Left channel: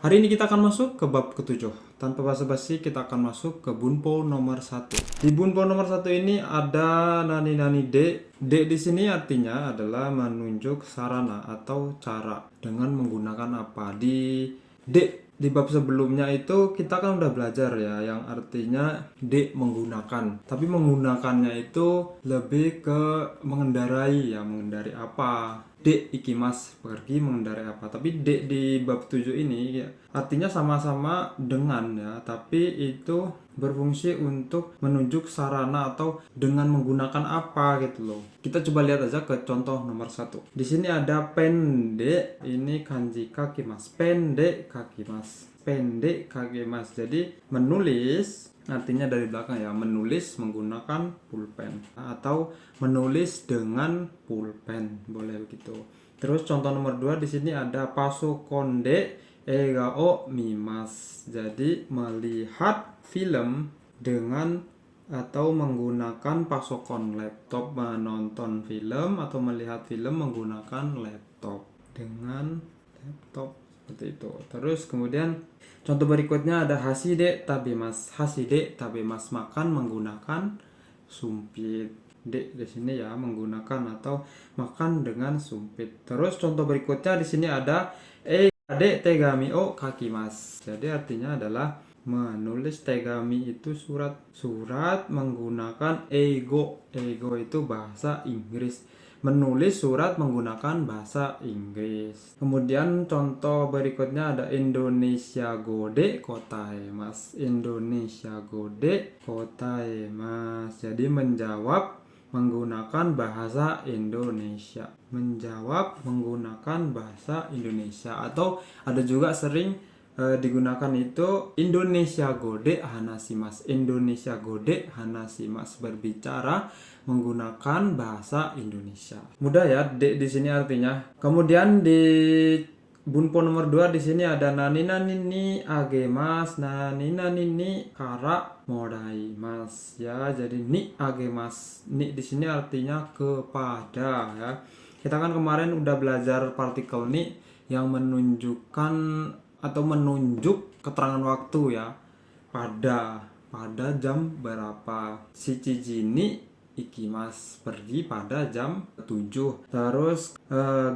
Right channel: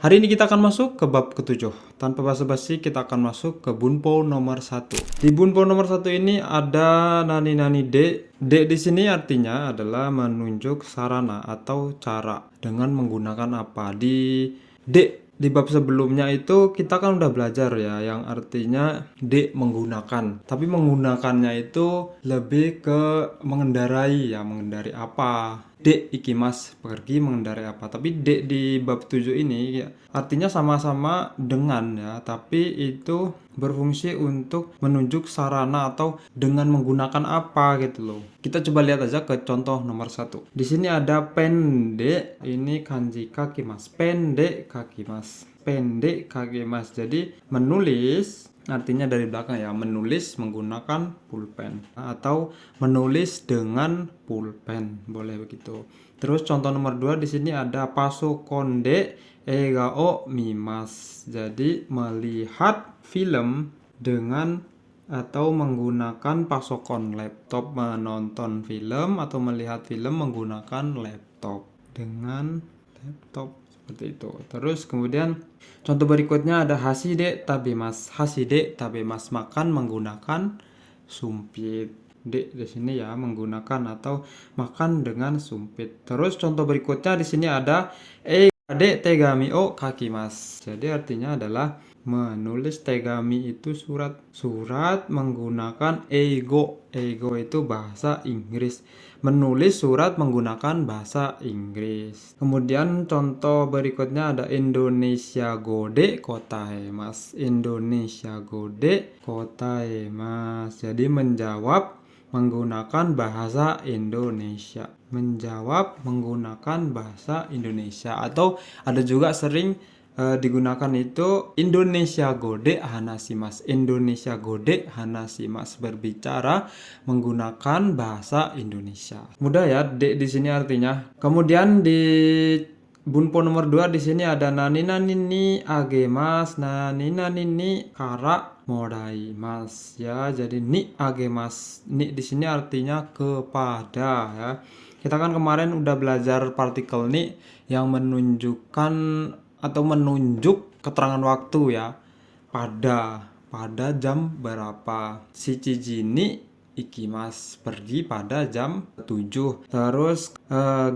Hari ini kita akan masuk ke bab ketujuh. Tanpa basa-basi kita akan masuk ke Bunpo nomor 1. Di Bunpo nomor 1 ini ada nani-nani de. De di sini artinya adalah menunjuk sarana atau cara dengan menggunakan apa. Di bab sebelumnya itu kita kan udah belajar ya yang artinya de menggunakan. Tapi menggunakannya itu lebih ke mengendarai ya, mengendarai apa. Dek ikimas pergi mengendarai apa, tapi dek di bab 7 ini ya, artinya sama-sama dengan ya, tapi itu berfungsi untuk menunjuk sarana atau dengan menggunakan apa gitu loh. Kita coba lihat aja ke contoh nomor 1. Di sini ada pendek, ini kanji kakimas, pendek kakimas, pendek kakimas. Jadi menulis artinya dari belakang ya, menulis menggunakan pulpen atau menulis dengan pulpen, boleh begitu. Terus contoh nomor 2 di sini ada pasokonde egao mimas. Jadi melihat film dengan atau menggunakan pasokon laptop, menonton film atau melihat film menggunakan laptop dengan laptop seperti itu. Terus kemudian contoh berikutnya ada haside tabemas. Haside tabemas, makan menggunakan sumpit. D di sini ya menggunakan atau makan dengan sumpit. Terus contoh berikutnya di sini ada ade tegami o kakimas. Jadi artinya adalah menulis tegami itu surat. Surat menggunakan eigo. Eigo itu bahasa Inggris. Menulis surat menggunakan bahasa Inggris. Kemudian contoh berikutnya ada Indonesia gode kotaemas. Indonesia gode kotaemas. Jadi menjawab menggunakan bahasa Indonesia. Menjawab menggunakan bahasa Indonesia. Atau ada juga sering digunakan itu Indonesia gode hanasimas. Indonesia gode hanasimas, berbicara menggunakan bahasa Indonesia. Mudah ya, di sini artinya. Kemudian di Bunpo nomor 2 di sini ada nani nani ni agemas, nani nani ni kara moraimas ya. Jadi ni agemas. Ni di sini artinya kepada ya. Kita kan kemarin udah belajar partikel ni yang menunjukkan atau menunjuk keterangan waktu ya. Pada jam berapa. Shichiji ni ikimas, pergi pada jam 7. Terus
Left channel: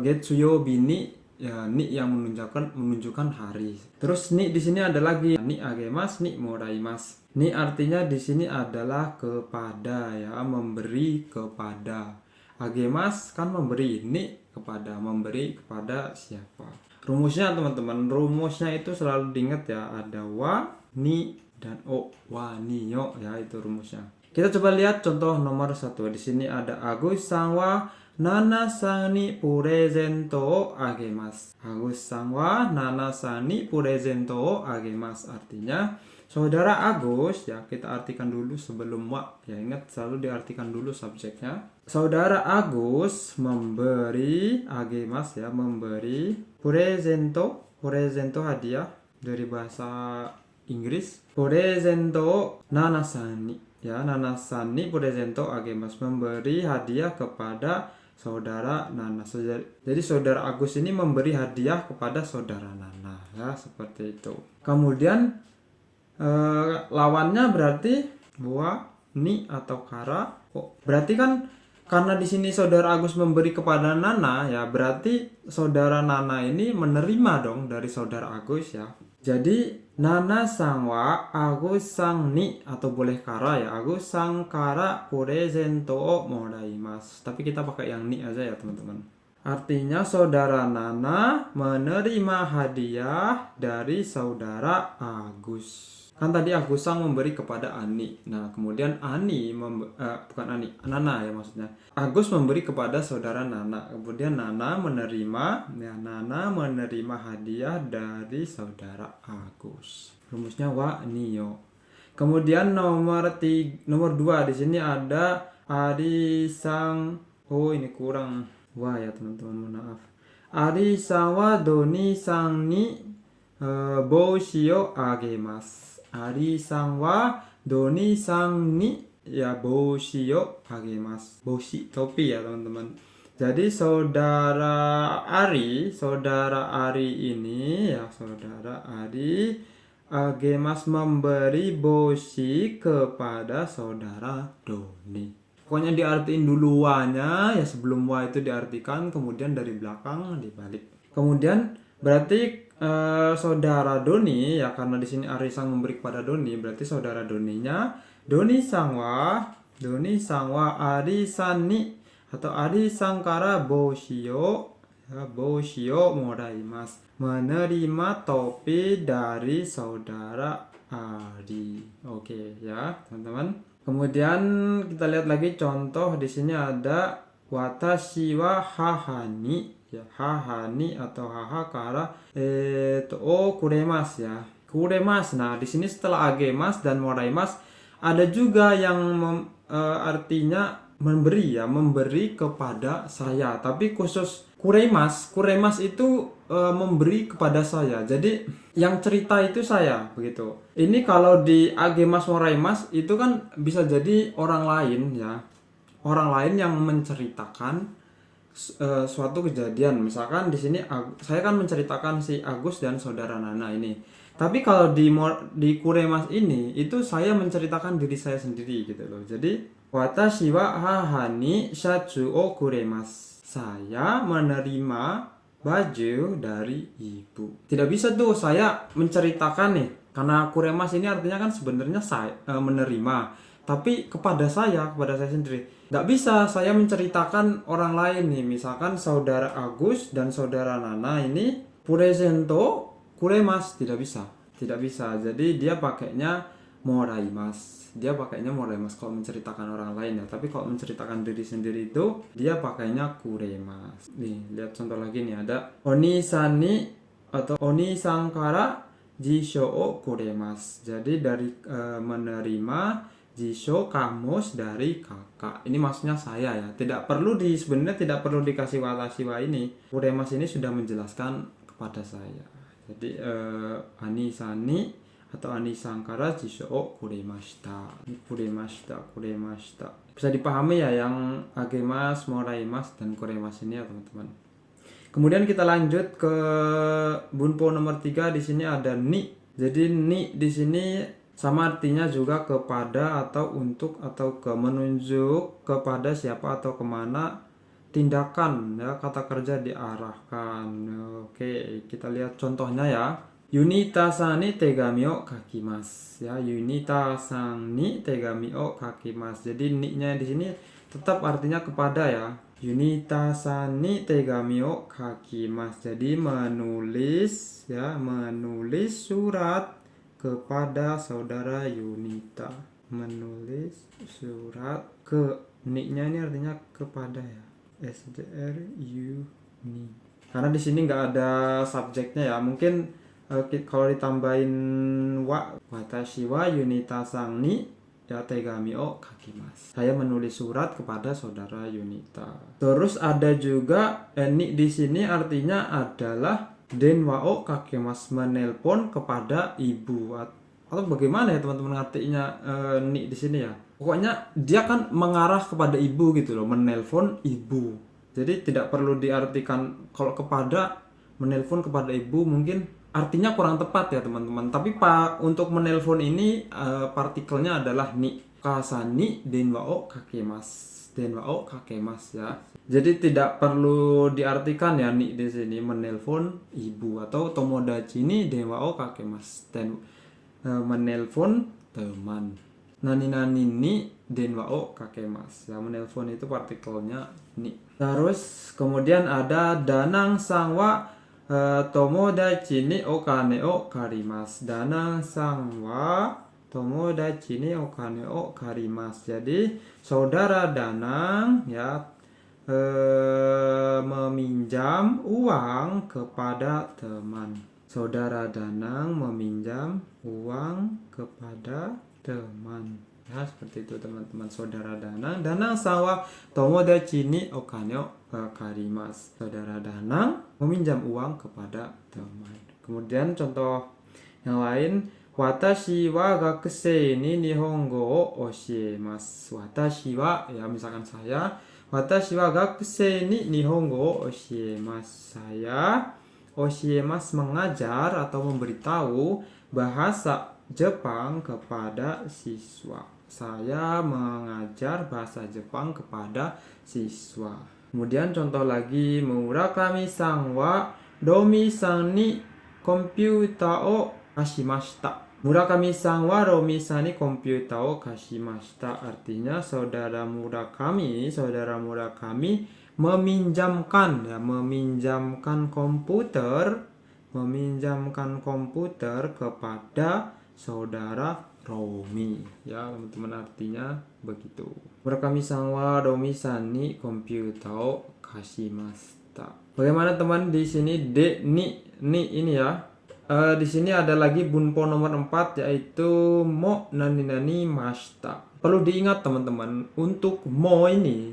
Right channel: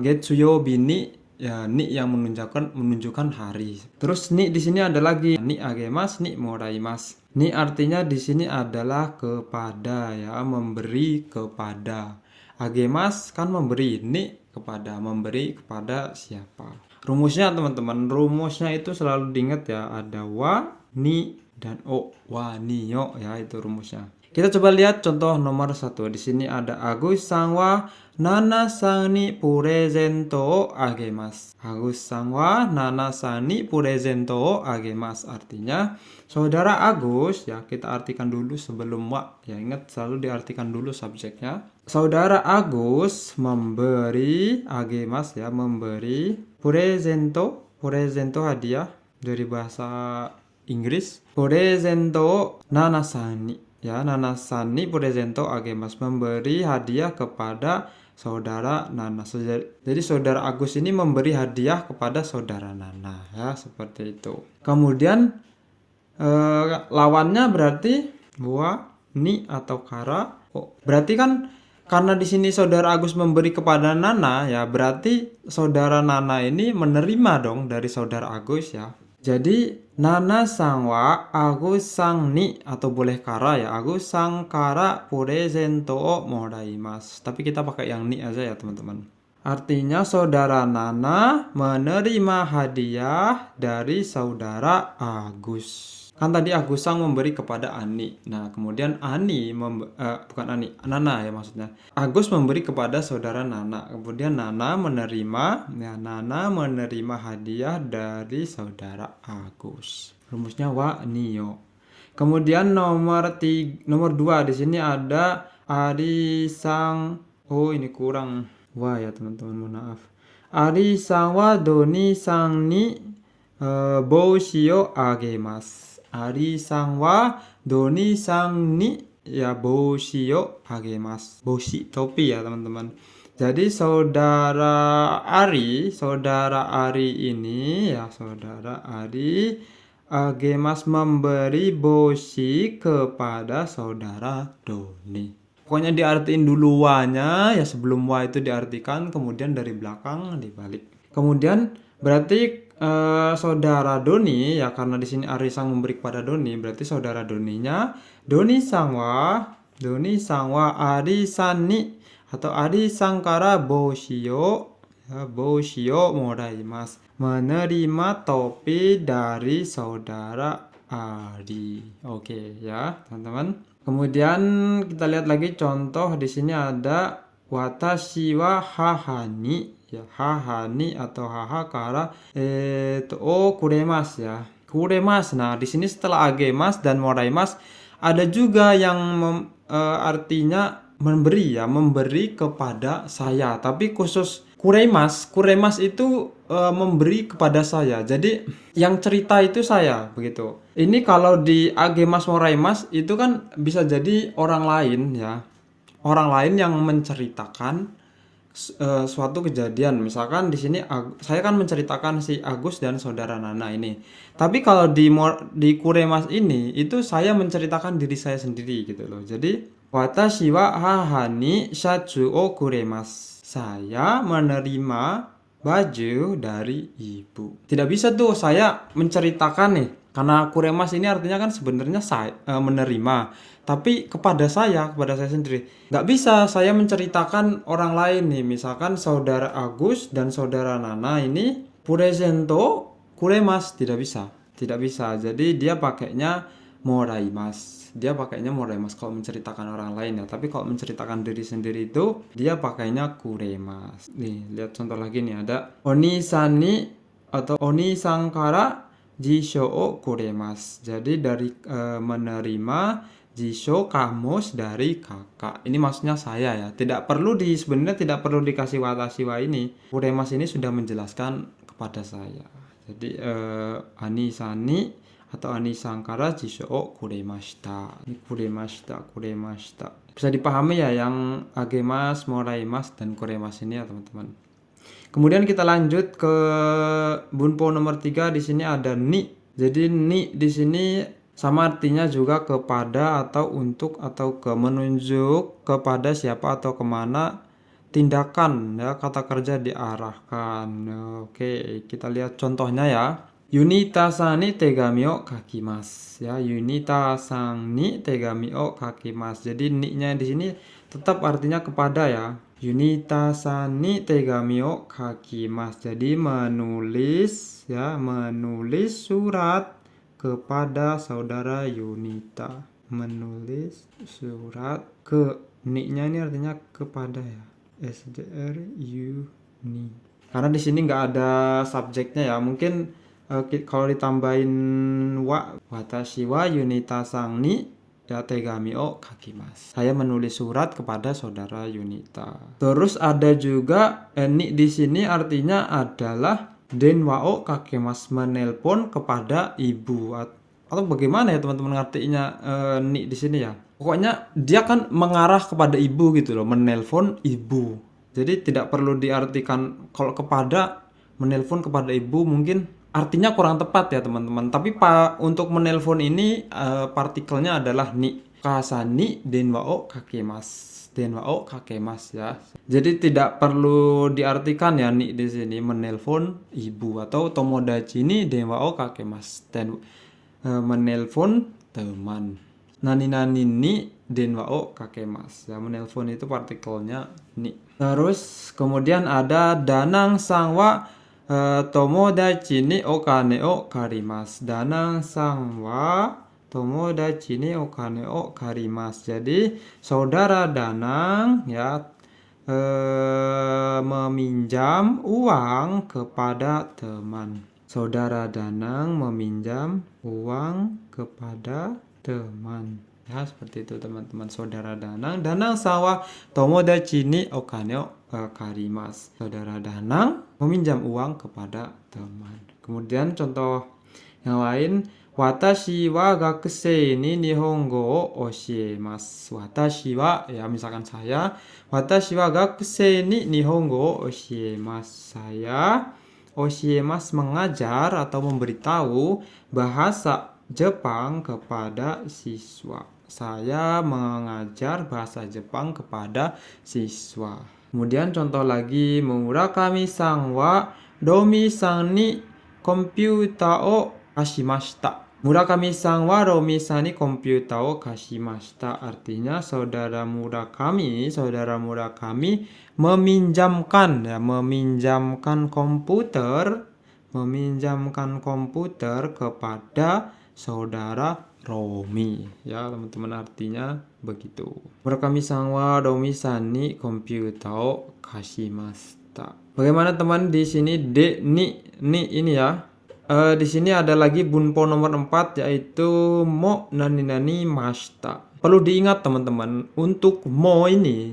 getsuyobi ni ya, ni yang menunjukkan hari. Terus ni di sini ada lagi ni agemas, ni moraimas. Ni artinya di sini adalah kepada ya, memberi kepada. Agemas kan memberi, ni kepada, memberi kepada siapa. Rumusnya teman-teman, rumusnya itu selalu diingat ya, ada wa, ni, dan o. Wa, ni, yo ya, itu rumusnya. Kita coba lihat contoh nomor 1. Di sini ada Agus-san wa nana-san ni purezento o agemas. Agus-san wa nana-san ni purezento o agemas. Artinya saudara Agus ya, kita artikan dulu sebelum wa ya, ingat selalu diartikan dulu subjeknya. Saudara Agus memberi agemas ya, memberi purezento. Purezento hadiah dari bahasa Inggris. Purezento nana-san ni ya, nana-san ni purezento agemas, memberi hadiah kepada saudara Nana. Jadi saudara Agus ini memberi hadiah kepada saudara Nana ya, seperti itu. Kemudian lawannya berarti wa, ni atau kara. Berarti kan karena di sini saudara Agus memberi kepada Nana ya, berarti saudara Nana ini menerima dong dari saudara Agus ya. Jadi Nana sang wa Agus sang ni, atau boleh kara ya, Agus sang kara purezento o moraimas. Tapi kita pakai yang ni aja ya teman-teman. Artinya saudara Nana menerima hadiah dari saudara Agus. Kan tadi Agus sang memberi kepada Ani. Nah, kemudian bukan Ani, Nana ya maksudnya. Agus memberi kepada saudara Nana. Kemudian Nana menerima hadiah dari saudara Agus. Rumusnya wa niyo. Kemudian nomor 2 di sini ada Ari sang. Oh, ini kurang wa ya teman-teman, mohon maaf. Ari sang wa doni sang ni boushi o agemas. Ari sang wa doni sang ni ya boushi o agemas. Boushi, topi ya teman-teman. Jadi saudara Ari ini ya, saudara Ari Agemas memberi bosi kepada saudara Doni. Pokoknya diartiin dulu wa-nya ya, sebelum wa itu diartikan, kemudian dari belakang dibalik. Kemudian berarti saudara Doni ya, karena di sini Ari sang memberi kepada Doni, berarti saudara Doninya Doni sangwa Ari sani atau Ari sangkara boshio ya, boshio moraimasu, menerima topi dari saudara Ari. Oke ya teman-teman. Kemudian kita lihat lagi contoh di sini ada watashi wa haha ya, haha atau haha kara kuremasu ya. Kuremasu. Nah, di sini setelah agemas dan moraimas ada juga yang artinya memberi ya, memberi kepada saya. Tapi khusus kuremas itu memberi kepada saya. Jadi yang cerita itu saya begitu. Ini kalau di agemas moraimas itu kan bisa jadi orang lain ya. Orang lain yang menceritakan suatu kejadian. Misalkan di sini saya kan menceritakan si Agus dan saudara Nana ini. Tapi kalau di kuremas ini itu saya menceritakan diri saya sendiri gitu loh. Jadi watashi wa haha ni shachu o kuremasu. Saya menerima baju dari ibu. Tidak bisa tuh saya menceritakan nih, karena kuremas ini artinya kan sebenarnya saya menerima, tapi kepada saya sendiri. Nggak bisa saya menceritakan orang lain nih, misalkan saudara Agus dan saudara Nana ini puresento kuremas, tidak bisa. Jadi dia pakainya moraimasu. Kalau menceritakan orang lain ya. Tapi kalau menceritakan diri sendiri itu dia pakainya kuremasu. Nih, lihat contoh lagi nih, ada onisani atau onisangkara jisho o kuremasu. Jadi dari menerima jisho, kamus dari kakak. Ini maksudnya saya ya. Sebenarnya tidak perlu dikasih watashi wa ini. Kuremasu ini sudah menjelaskan kepada saya. Jadi anisani atau anisangkara jisho o kuremashita. Bisa dipahami ya yang agemas, moraimas dan kuremas ini ya teman-teman. Kemudian kita lanjut ke bunpo nomor 3. Di sini ada ni. Jadi ni di sini sama artinya juga kepada atau untuk atau menunjuk kepada siapa atau kemana tindakan ya, kata kerja diarahkan. Oke, kita lihat contohnya ya. Yunita-san ni tegami o kakimasu ya, Yunita-san ni tegami o kakimasu. Jadi ni-nya di sini tetap artinya kepada ya. Yunita-san ni tegami o kakimasu. Jadi menulis surat kepada saudara Yunita. Menulis surat ke, ni-nya ini artinya kepada ya. SDRU ni. Karena di sini nggak ada subjeknya ya. Mungkin kalau ditambahin watashi wa Yunita-san ni ya tegami o kakimasu. Saya menulis surat kepada saudara Yunita. Terus ada juga ni di sini artinya adalah denwa o kakemasu, menelpon kepada ibu. Atau bagaimana ya teman-teman ngertinya ni di sini ya. Pokoknya dia kan mengarah kepada ibu gitu loh, menelpon ibu. Jadi tidak perlu diartikan kalau kepada, menelpon kepada ibu mungkin artinya kurang tepat ya teman-teman. Tapi untuk menelpon ini partikelnya adalah ni. Kasani denwa o kakemasu. Denwa o kakemasu ya. Jadi tidak perlu diartikan ya ni di sini menelpon ibu, atau tomodachi ni denwa o kakemasu. Dan menelpon teman. Nani ni denwa o kakemasu. Ya, menelpon itu partikelnya ni. Terus kemudian ada danang sangwa tomodachi ni okane o karimasu. Danang sang wa tomodachi ni okane o karimasu. Jadi saudara Danang ya meminjam uang kepada teman. Saudara Danang meminjam uang kepada teman. Ya, seperti itu teman-teman. Saudara Danang sawa tomodachi ni okane o karimasu. Saudara Danang meminjam uang kepada teman. Kemudian contoh yang lain, watashi wa gakusei ni nihongo o oshiemasu. Watashi wa ya, misalkan saya, Watashi wa gakusei ni nihongo o oshiemasu. Saya oshiemasu mengajar atau memberitahu bahasa Jepang kepada siswa. Saya mengajar bahasa Jepang kepada siswa. Kemudian contoh lagi, Murakami-san wa Romi-san ni komputer o kashimashita. Murakami-san wa Romi-san ni komputer o kashimashita. Artinya saudara Murakami meminjamkan komputer kepada saudara Romi. Ya, teman-teman, artinya begitu. Murakami-san wa Romi-san ni komputer o kashimashita. Bagaimana teman di sini ni ini ya? Di sini ada lagi bunpo nomor 4 yaitu mo nani mashita. Perlu diingat teman-teman, untuk mo ini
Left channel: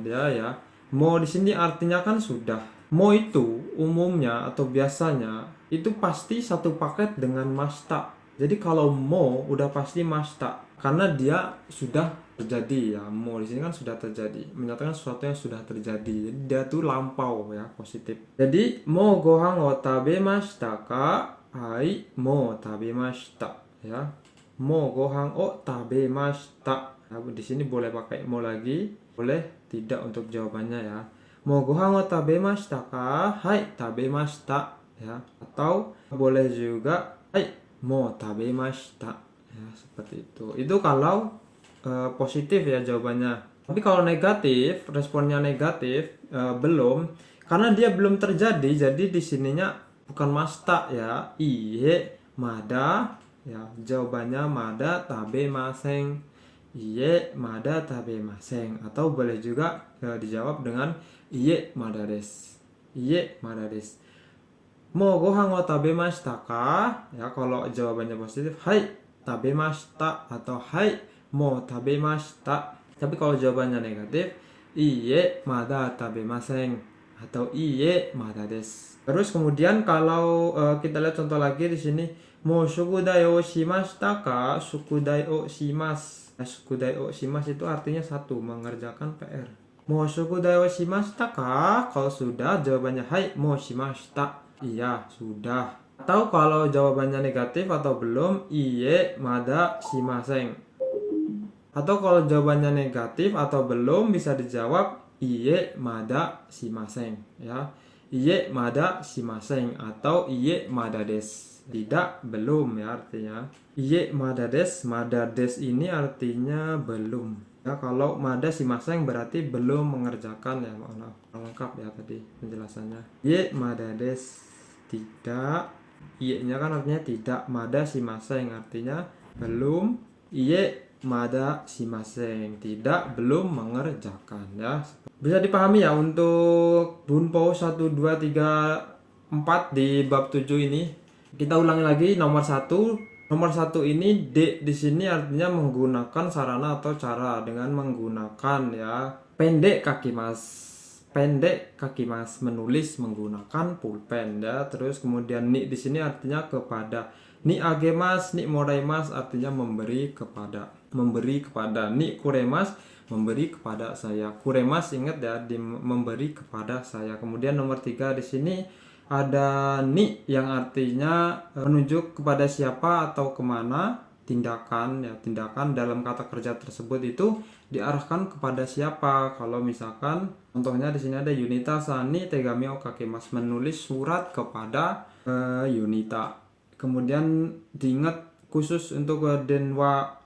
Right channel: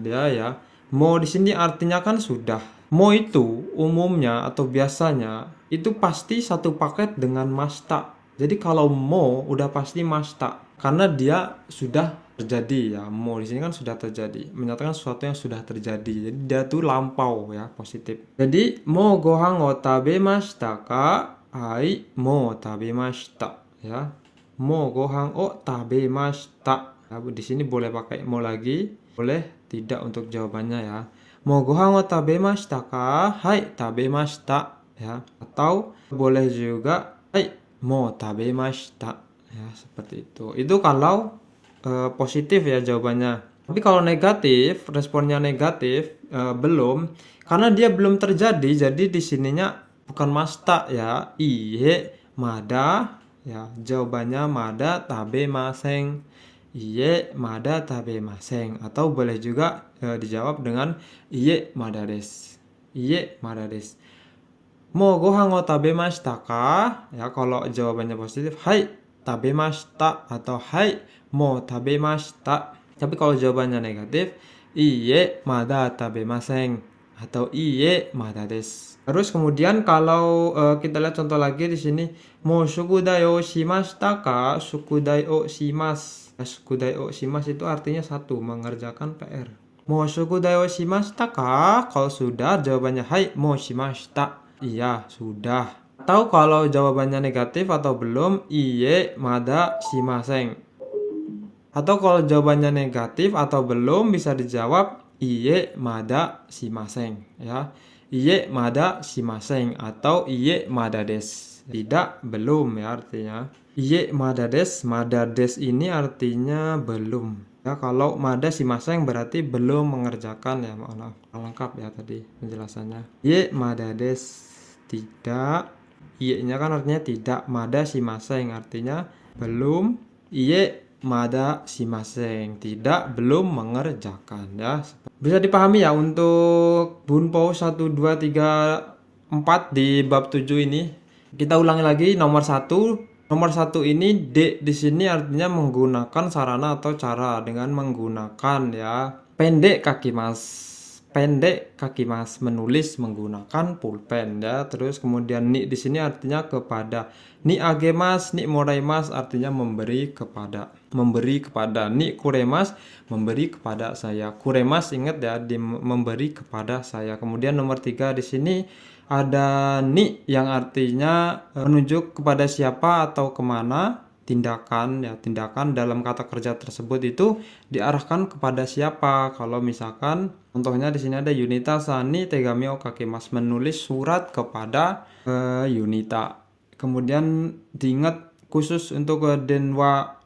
dia ya, mo di sini artinya kan sudah. Mo itu umumnya atau biasanya itu pasti satu paket dengan mashita. Jadi kalau mo udah pasti mashita karena dia sudah terjadi ya. Mo di sini kan sudah terjadi, menyatakan sesuatu yang sudah terjadi. Jadi dia tuh lampau ya, positif. Jadi mo gohan o tabemashita ka? Hai, mo tabemashita ya. Mo gohan o tabemashita. Ya, di sini boleh pakai mo lagi, boleh tidak untuk jawabannya ya. Mo gohan o tabemashita ka? Hai, tabemashita ya. Atau boleh juga hai, mo tabemashita ya, seperti itu. Itu kalau positif ya jawabannya. Tapi kalau negatif, responnya negatif, belum, karena dia belum terjadi, jadi di sininya bukan mashita ya. Iye mada ya, jawabannya mada tabemasen. Iye mada tabemasen. Atau boleh juga dijawab dengan iye mada desu. Iye mada desu. Mo gohan o tabemashita ka? Ya, kalau jawabannya positif, hai tabemashita atau hai mo tabemashita. Tapi kalau jawabannya negatif, iye mada tabemasen atau iye mada desu. Terus kemudian kalau kita lihat contoh lagi di sini, mo shukudai o shimashita ka? Shukudai o shimasu. Shukudai o shimasu itu artinya satu, mengerjakan PR. Mo shukudai o shimashita ka? Kalau sudah, jawabannya hai mo shimashita. Iya, sudah. Atau kalau jawabannya negatif atau belum, iye mada shimasen. Atau kalau jawabannya negatif atau belum, bisa dijawab iye mada shimasen ya. Iye mada shimasen atau iye mada desu. Tidak, belum ya artinya. Iye mada desu, mada desu ini artinya belum. Ya, kalau mada shimasen berarti belum mengerjakan ya, maaf. Lengkap ya tadi penjelasannya. Iye mada desu, tidak. Iye-nya kan artinya tidak, mada shimasen artinya belum. Iye mada shimasen, tidak, belum mengerjakan ya. Bisa dipahami ya untuk bunpo 1 2 3 4 di bab 7 ini. Kita ulangi lagi nomor 1. Nomor 1 ini D di sini artinya menggunakan sarana atau cara dengan menggunakan ya. Pendek kaki mas, menulis menggunakan pulpen ya. Terus kemudian ni di sini artinya kepada. Ni agemas, ni moraimas artinya memberi kepada. Ni kuremas, memberi kepada saya. Kuremas, ingat ya, memberi kepada saya. Kemudian nomor 3 di sini ada ni yang artinya menunjuk kepada siapa atau kemana. Tindakan ya, tindakan dalam kata kerja tersebut itu diarahkan kepada siapa. Kalau misalkan contohnya di sini ada Yunita Sani Tegami o Kakemas, menulis surat kepada Yunita. Kemudian diingat khusus untuk denwa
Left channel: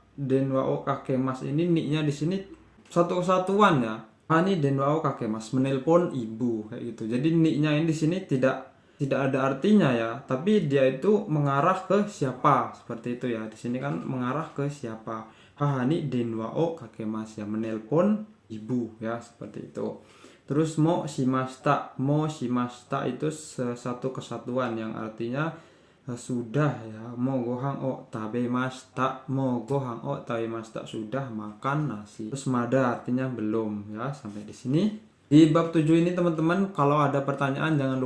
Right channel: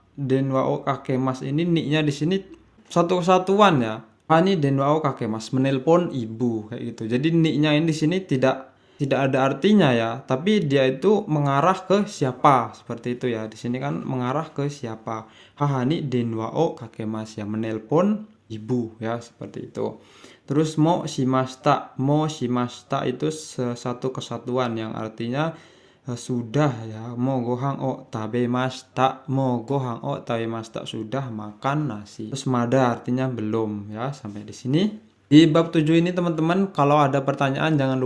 o Kakemas ini, ni-nya di sini satu kesatuan ya. Ani denwa o Kakemas, menelpon ibu kayak gitu. Jadi ni-nya ini di sini tidak ada artinya ya, tapi dia itu mengarah ke siapa, seperti itu ya. Di sini kan mengarah ke siapa. Hahani denwa o kakemas ya, menelpon ibu ya, seperti itu. Terus mo shimashita itu satu kesatuan yang artinya sudah ya. Mo gohan o tabemashita, sudah makan nasi. Terus mada artinya belum ya, sampai di sini. Di bab 7 ini teman-teman, kalau ada pertanyaan jangan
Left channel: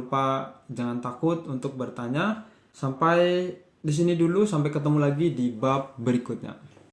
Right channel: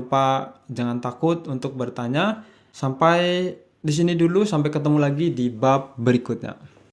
takut untuk bertanya. Sampai di sini dulu, sampai ketemu lagi di bab berikutnya.